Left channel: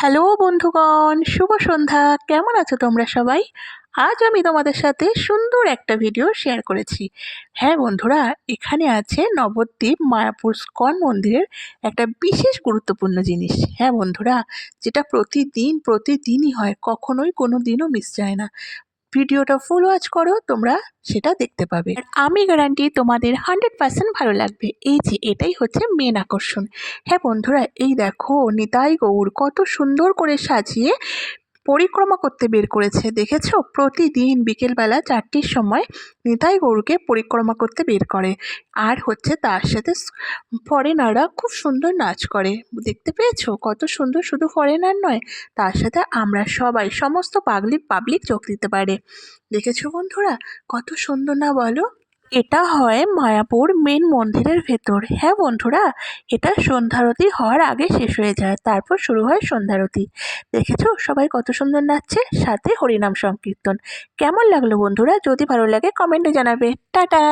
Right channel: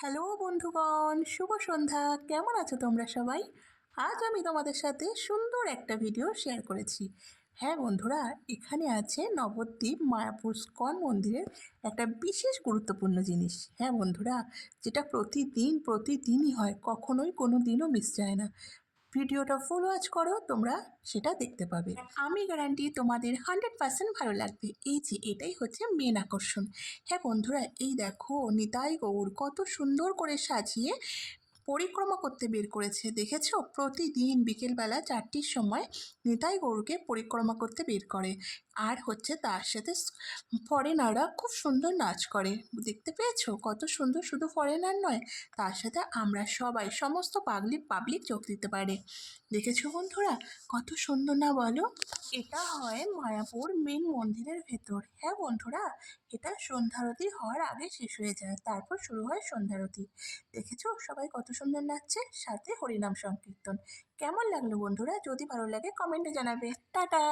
Hello বন্ধুগণ, শুভ সন্ধ্যা। কেমন আছো তোমরা সবাই? আজ আমি তোমাদের সাথে সুন্দর একটা ভিডিও শেয়ার করেছি। হ্যাঁ বন্ধুরা, এখানে আছে নবদ্বীপ মায়াপুর স্কন মন্দিরের একটা বিশেষ গুরুত্বপূর্ণ জিনিস। হ্যাঁ বন্ধুরা, যেটা প্রতিদিনই হয়, কখনোই কোনো দিনও মিস যায় না। ভিডিওটা ফুল ওয়াচ করো, তোমরা সেটা দেখতে পাবে। আর আমি গ্যারান্টি তোমাদের 100% ভালো লাগবে। এই যে এটাই হচ্ছে মেন আকর্ষণ। হ্যাঁ বন্ধুরা, এই দেখো নিতাই গৌর কত সুন্দর করে সাজিয়ে পরিক্রমা করতে বের করেছে। দেখেছো, প্রতিদিন বিকেলবেলা 4টের সময় নিতাই গৌরকে পরিক্রমা করতে বের করে। আর হচ্ছে তার সাথে ফরেনাররা খুব সুন্দর নাচ করে। দেখতে পেয়েছো কত সুন্দর? শুধু ফরেনার নয়, তার সাথে আমরা সবাই সমস্ত পাবলিক যোগ দিতে পারে। দেখেছো বন্ধুরা কত সুন্দর না বলো? এটা হয় মায়াপুর মেন মন্দিরের ভেতর। হ্যাঁ বন্ধুরা, এটা সন্ধ্যারতি হওয়ার আগে শেষ হয়ে যায়, তারপর শুরু হয় সন্ধ্যারতি। দেখেছো সবাই কত সুন্দর নাচছে, সাথে হরিনাম সংকীর্তন। কেমন লাগলো বন্ধুরা? যদি ভালো লাগে কমেন্টে জানাবে। টাটা।